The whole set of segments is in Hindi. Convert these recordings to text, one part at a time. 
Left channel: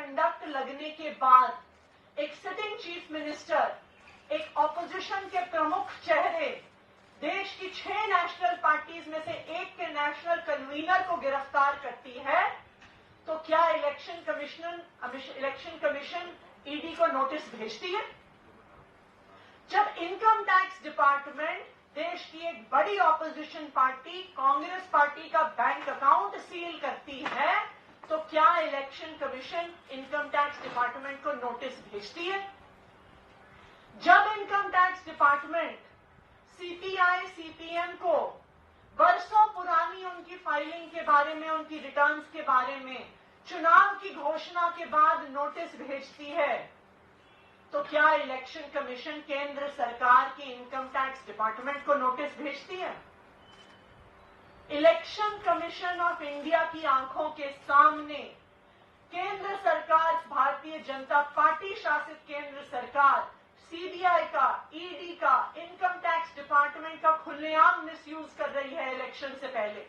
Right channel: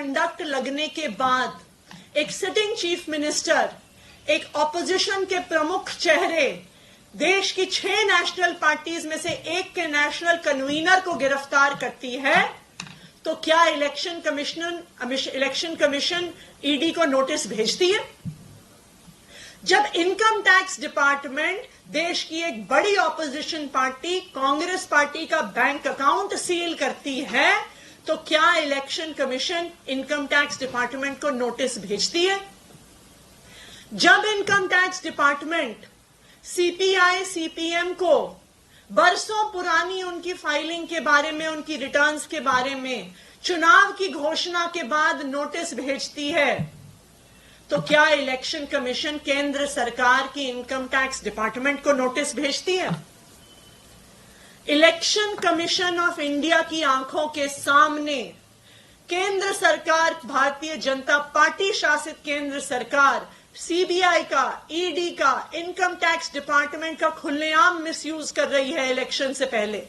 कंडक्ट लगने के बाद एक सिटिंग चीफ मिनिस्टर, एक ऑपोजिशन के प्रमुख चेहरे, देश की 6 नेशनल पार्टीज में से एक के नेशनल कन्वीनर को गिरफ्तार करती है, तो क्या इलेक्शन कमीशन ईडी को नोटिस भेजती है? जब इनकम टैक्स डिपार्टमेंट देश की एक बड़ी ऑपोजिशन पार्टी कांग्रेस पार्टी का बैंक अकाउंट सील करती है, तो क्या election commission income tax department को नोटिस भेजती है? जब income tax department CPI CPM को बरसों पुरानी उनकी फाइलिंग के बारे में, उनकी रिटर्न्स के बारे में चुनाव की घोषणा के बाद नोटिस भेजती है, तो क्या इलेक्शन कमीशन केंद्र सरकार की इनकम टैक्स डिपार्टमेंट को नोटिस भेजती है? इलेक्शन कमीशन ऑफ इंडिया की आंखों के सामने केंद्र सरकार, भारतीय जनता पार्टी शासित केंद्र सरकार सीबीआई का, ईडी का, इनकम टैक्स डिपार्टमेंट का खुलेआम मिसयूज कर रही है इलेक्शन से पहले।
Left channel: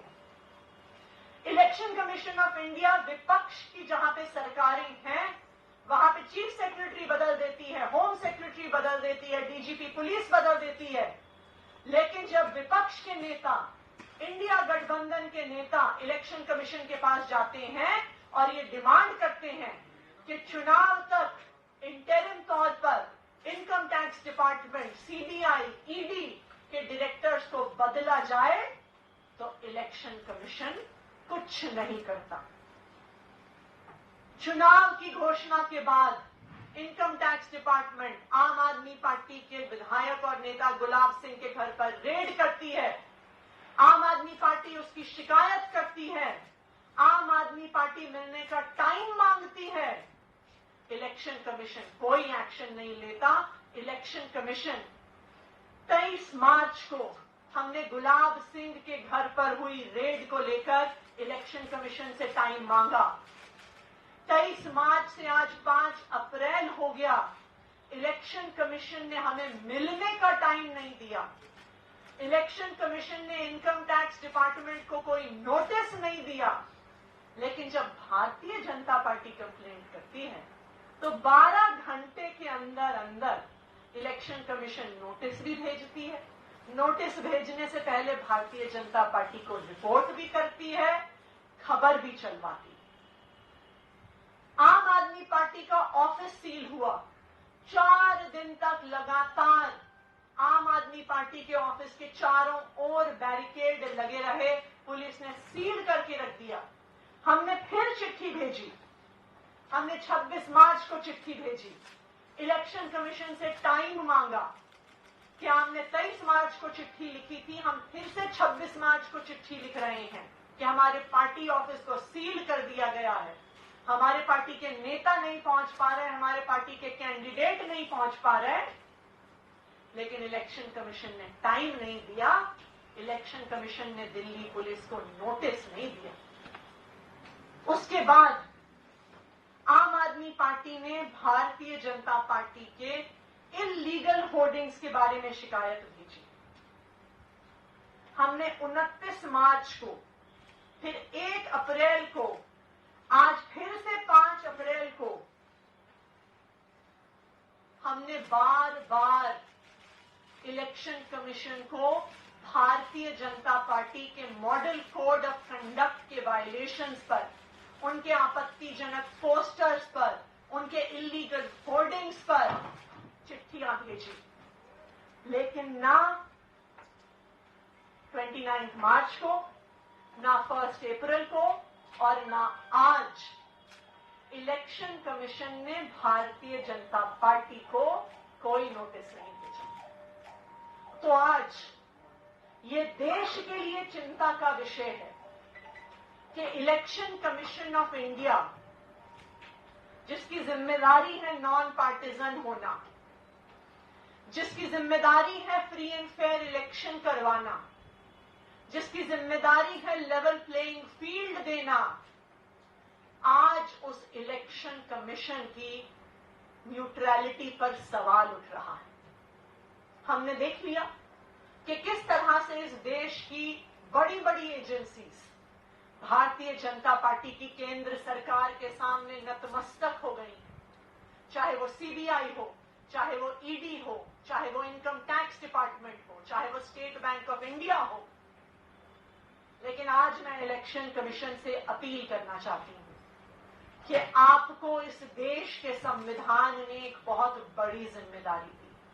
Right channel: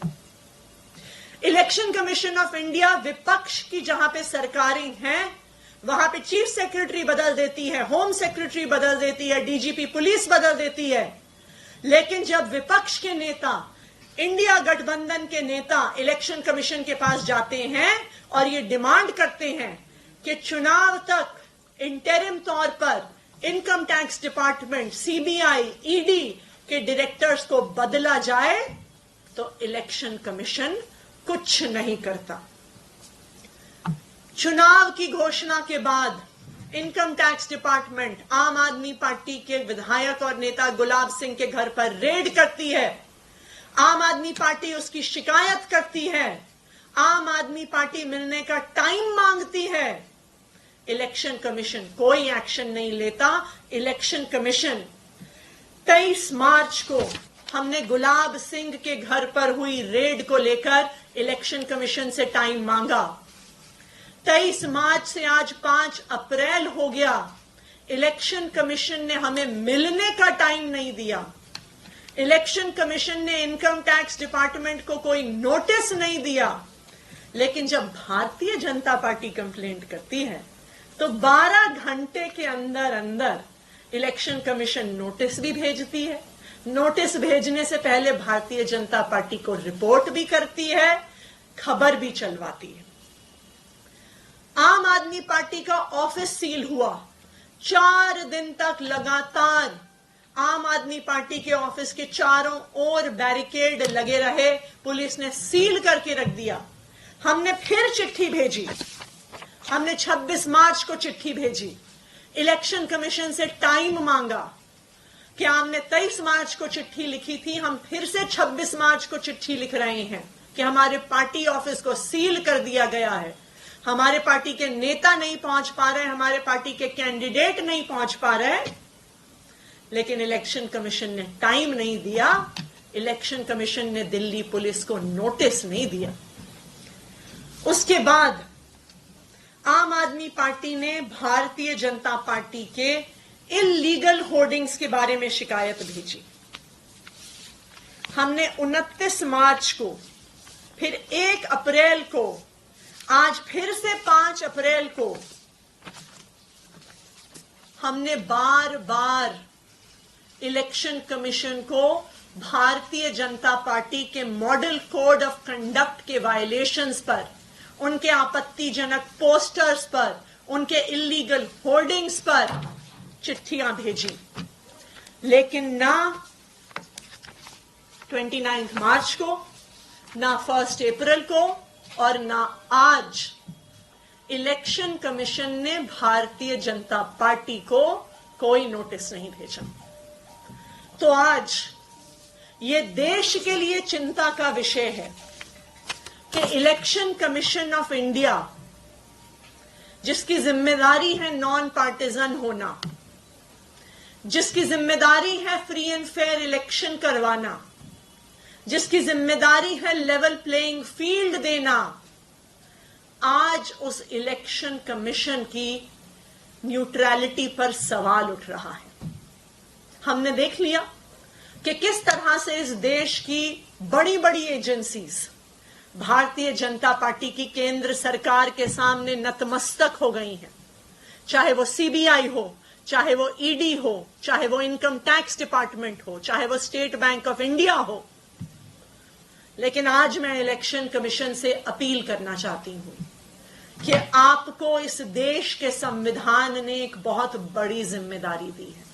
इलेक्शन कमीशन ऑफ इंडिया विपक्ष की जहां पे सरकारें हैं, वहां पे चीफ सेक्रेटरी बदल देती है, होम सेक्रेटरी बदल देती है, डीजीपी पुलिस बदल देती है, लेकिन जब विपक्ष के नेता, इंडिया गठबंधन के नेता इलेक्शन कमीशन के पास जाते हैं और ये डिमांड करते हैं कि चुनाव तक इंटरिम तौर पर income tax department, CBI, ED के डायरेक्टर्स को बदला जाए, तो इलेक्शन कमीशन कुछ नहीं करता। चुनाव की घोषणा के बाद इनकम टैक्स डिपार्टमेंट आम आदमी पार्टी के विधायक और नेता गुलाब सिंह के घर पर रेड करती है। आम आदमी पार्टी उसकी शिकायत करती है। आम आदमी पार्टी मिलने का टाइम मांगती है। इलेक्शन कमीशन कोई एक्शन नहीं लेता। इलेक्शन कमीशन 23 मार्च को हमने गुलाब सिंह के घर पर हुई रेड को लेकर इलेक्शन कमीशन से टाइम मांगा। 23 मार्च से आज 5 अप्रैल हो गया। इलेक्शन कमीशन ने हमें मिलने का टाइम नहीं दिया। इलेक्शन कमीशन ने इनकम टैक्स डिपार्टमेंट को कोई नोटिस नहीं दिया। लेकिन जब भारतीय जनता पार्टी कंप्लेंट करती है तो 12 घंटे के अंदर अंदर इलेक्शन कमीशन नोटिस भी भेजती है। नोटिस भेजने से पहले भारतीय जनता पार्टी को रिपोर्ट भी करती है, खबर भी चलवाती है। आम आदमी पार्टी का ऑफिस सील हुआ। 4 दिन तक लगातार आम आदमी पार्टी के ऑफिस के चारों ओर बैरिकेड लगे रहे। पुलिस ने सील करके रख दिया। हमने फिर चिट्ठी भेजी। हमने 26 मार्च को चिट्ठी भेजी। इलेक्शन कमीशन से टाइम मांगा कि हमने 23 मार्च को चिट्ठी लिखी थी, हम फिर से 26 मार्च को चिट्ठी लिख रहे हैं कि हमारे पार्टी ऑफिस को सील कर दिया गया है। हमारे पार्टी के नेता नहीं पहुंच पा रहे, हमारे पार्टी के कैंडिडेट नहीं पहुंच पा रहे। लेकिन इलेक्शन कमीशन ने टाइम नहीं दिया। इलेक्शन कमीशन ने दिल्ली पुलिस को नोटिस नहीं दिया। उसके बाद आम आदमी पार्टी ने भारतीय जनता पार्टी के इल्लीगल होर्डिंग्स के बारे में शिकायत भेजी। हमने 29 मार्च को, फिर 1 अप्रैल को, आज फिर से 5 अप्रैल को हमने बार बार इलेक्शन कमीशन को भारतीय जनता पार्टी के मॉडल कोड ऑफ कंडक्ट के वायलेशंस पर, उनके आपत्तिजनक पोस्टर्स पर, उनके इल्लीगल होर्डिंग्स पर चिट्ठियां भेजी। लेकिन ना 29 मार्च को, ना 1 अप्रैल को और ना आज इलेक्शन कमीशन ने भारतीय जनता पार्टी को कोई नोटिस नहीं भेजा। तो आज ये देश के लिए चिंता का विषय है कि इलेक्शन कमीशन ऑफ इंडिया, जिसकी जिम्मेदारी है नॉन पार्टिजन होना, जिसकी जिम्मेदारी है फ्री एंड फेयर इलेक्शन करवाना, जिसकी जिम्मेदारी है लेवल प्लेइंग फील्ड देना, आज उस इलेक्शन कमीशन की न्यूट्रलिटी पर सवाल उठ रहा है। हमने देख लिया कि किस तरह से इस देश की बड़ी बड़ी एजेंसीज भारतीय जनता पार्टी की केंद्र सरकार के सामने नतमस्तक हो गई हैं। चाहे वो सीबीआई हो, चाहे वो ईडी हो, चाहे वो इनकम टैक्स डिपार्टमेंट हो, चाहे वो स्टेट बैंक ऑफ इंडिया हो। लेकिन आज मैं इलेक्शन कमीशन से अपील करना चाहती हूं कि आपको इस देश के संविधान ने एक बहुत बड़ी जिम्मेदारी दी है।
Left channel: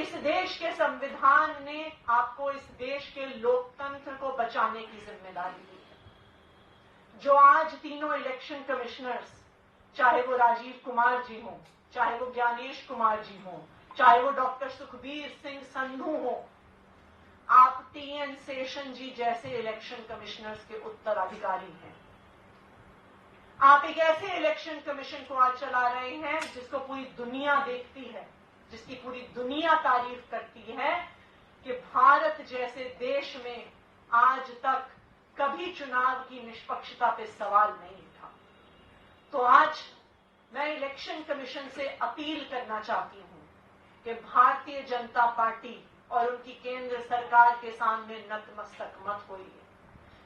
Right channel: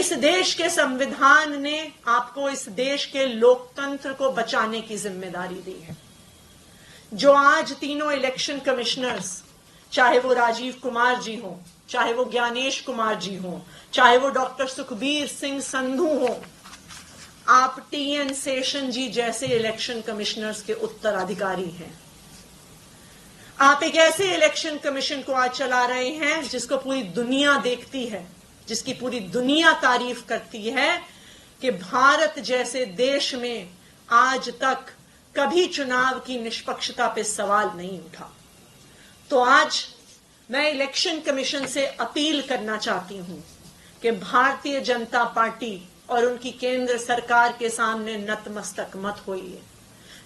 इस देश के संविधान ने आपको इस देश के लोकतंत्र को बचाने की जिम्मेदारी दी है। जो आज तीनों इलेक्शन कमिश्नर्स, चाहे वो राजीव कुमार जी हो, चाहे वो ज्ञानेश कुमार जी हो, चाहे वो डॉक्टर सुखबीर सिंह संधू हो, आप टीएन शेषन जी जैसे इलेक्शन कमिश्नर्स के उत्तराधिकारी हैं। आप एक ऐसे इलेक्शन कमीशन को आज चला रहे हैं जिसको पूरी दुनिया देखती है, जिसकी पूरी दुनिया तारीफ करती है कि भारत जैसे देश में आज तक कभी चुनाव की निष्पक्षता पे सवाल नहीं उठा। तो आज मैं इलेक्शन कमीशन से अपील करना चाहती हूं कि भारतीय जनता पार्टी और उनकी केंद्र सरकार के सामने नतमस्तक मत होइए।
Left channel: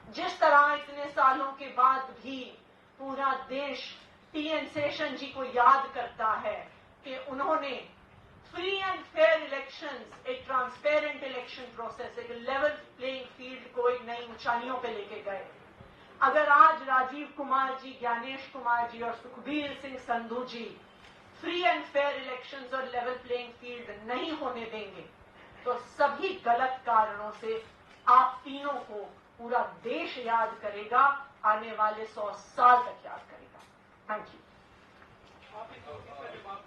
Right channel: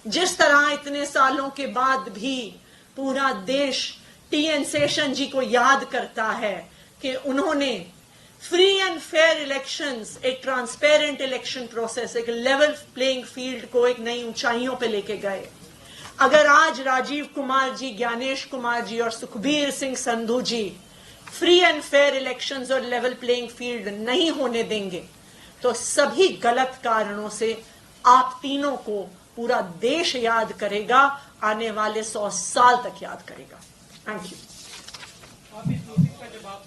जिस तरह इतने सालों के बाद भी पूरा देश टीएन शेषन जी को याद करता है कि उन्होंने फ्री एंड फेयर इलेक्शंस, एक ट्रांसपेरेंट इलेक्शन प्रोसेस, एक लेवल प्लेइंग फील्ड को एक नई ऊंचाइयों पे लेके गए। अगर आज राजीव कुमार जी, ज्ञानेश कुमार जी और सुखबीर सिंह संधू जी फ्री एंड फेयर इलेक्शंस और लेवल प्लेइंग फील्ड नहीं होने देंगे तो सभी गलत कारणों से आप तीनों को पूरा देश याद करेगा, आने वाले 100 साल तक याद करेगा। Thank you.